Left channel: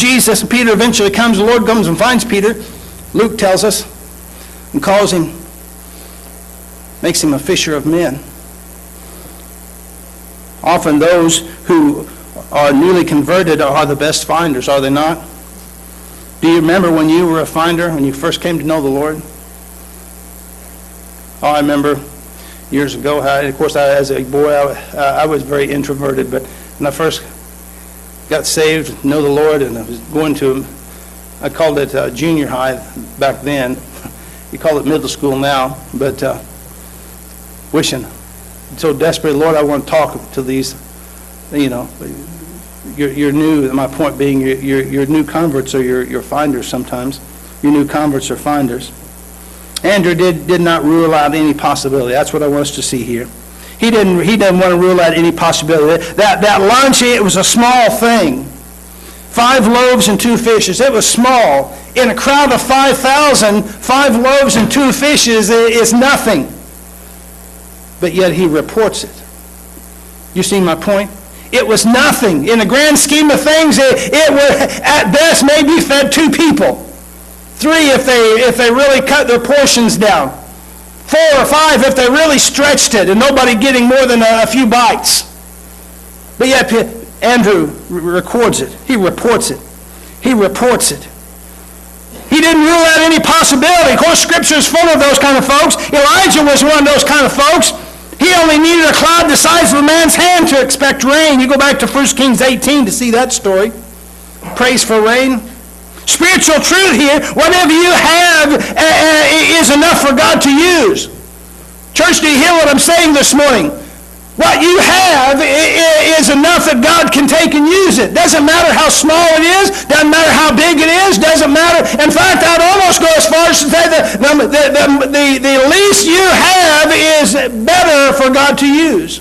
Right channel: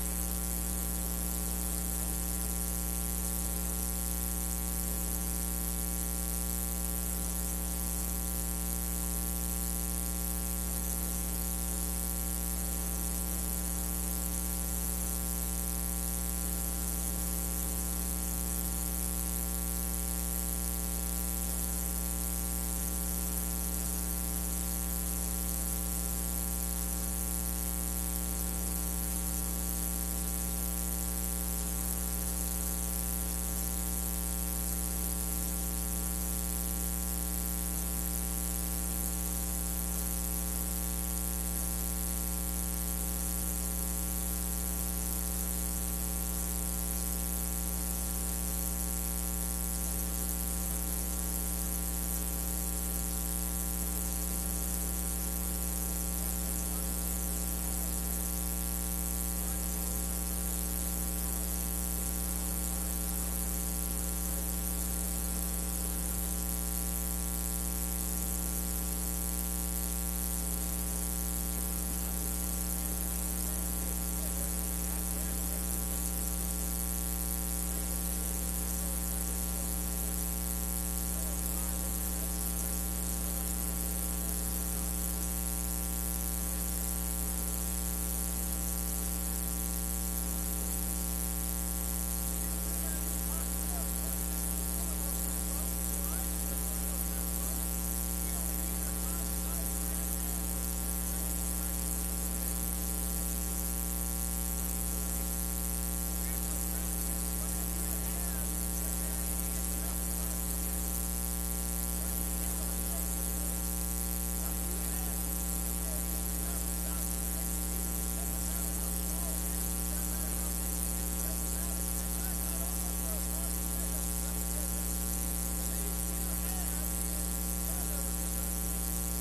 Jesus, and Peter eventually comes. The Lord comes and finds Peter, Luke tells us, and calls him, makes him a fisher of men. Often those who are newly converted are the best finders, are they not? Do you remember when you were a finder, when you first came to know the Lord? Oh, I remember years ago, of course, as a boy, I was very introverted, but when I first got saved, know the Lord, and I was going to, I called it junior high back then. You call it middle school now, but wishing so desperately, Lord, I want to talk to these, you're new. My point being, your new converts are your finders sometimes. Your new converts are finders. Andrew did not rule out any possibility. That's what I want us to see here. He didn't want to rule out any possibility. That lunch, it was a small thing. 5 loaves and 2 fishes. It was small. In a crowd of 5,000, 5 loaves and 2 fishes is nothing. But yet he reports it. You see my point? It was nothing. In the grand scheme of things, it would at best maybe fed 2 people. 3 if they really cut their portions down. 4 or 5 if they really stretched it, and nobody getting more than a few bites. But yet Andrew records it. He reports it. He reports it. He didn't rule out any possibility. Of course, Scripture is full of those kind of folks. Elijah was one of those kind of folks. He only needed a cloud the size of a man's hand to expect rain. You go back to 1 Kings 18 to see that story. Praise for rain. Spiritual truth here, whatever you have is enough for God to use. Church, do you hear what I'm saying this morning? What you have is enough that God can take and use it. Doesn't matter how small it is. Doesn't matter how big it is. Doesn't matter. In fact, I'd almost go as far as to say that the least you have is better for God to use.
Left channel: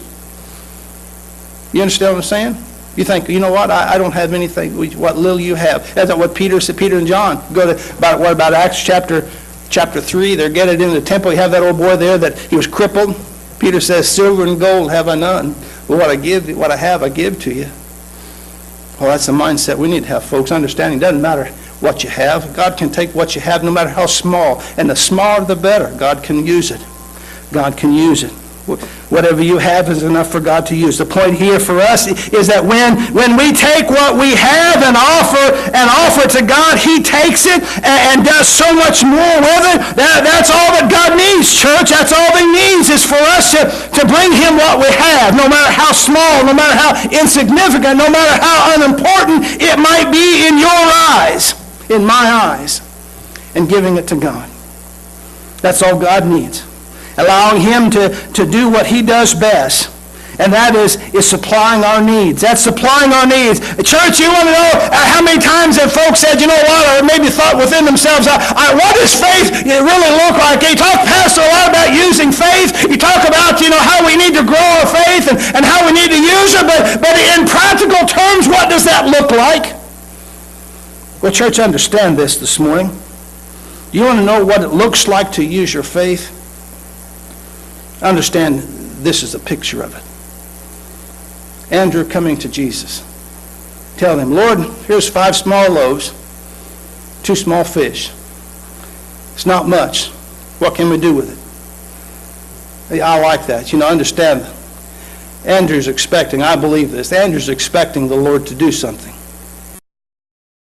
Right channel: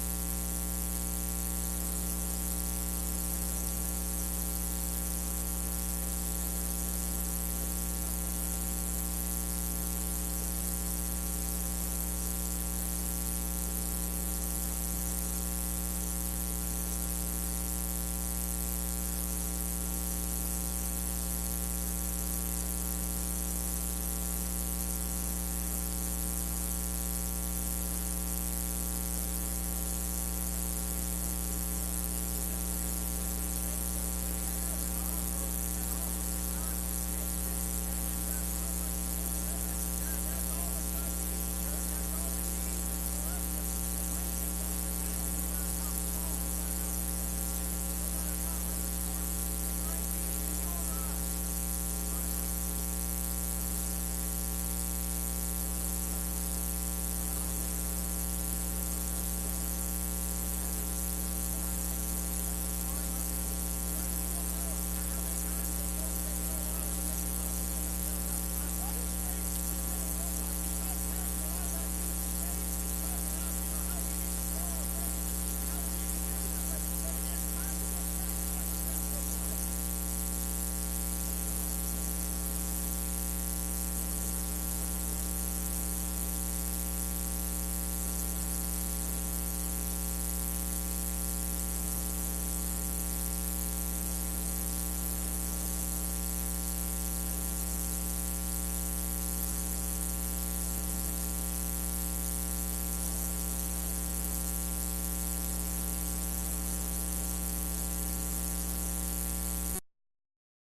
You understand what I'm saying? You think, you know what? I don't have anything. What little you have. That's what Peter said. Peter and John go to about Acts chapter 3. They're getting into the temple. You have that old boy there that he was crippled. Peter says, silver and gold have I none. Well, what I have, I give to you. Well, that's the mindset we need to have, folks. Understanding doesn't matter what you have. God can take what you have, no matter how small. And the smaller, the better. God can use it. God can use it. Whatever you have is enough for God to use. The point here for us is that when we take what we have and offer to God, He takes it and does so much more with it. That's all that God needs, church. That's all He needs is for us to bring Him what we have, no matter how small, no matter how insignificant, no matter how unimportant it might be in your eyes, in my eyes, and giving it to God. That's all God needs. Allowing Him to do what He does best. And that is supplying our needs. That's supplying our needs. Church, you want to know how many times have folks said, you know what, or maybe thought within themselves, what does faith really look like? You talk, Pastor, a lot about using faith. You talk about, how we need to grow our faith and how we need to use it. But in practical terms, what does that look like? Well, church, understand this morning. You want to know what it looks like to use your faith? Understand, this is a picture of it. Andrew coming to Jesus, telling him, Lord, here's 5 small loaves, 2 small fish. It's not much. What can we do with it? I like that. Understand that. Andrew's expecting, I believe this, Andrew's expecting the Lord to do something.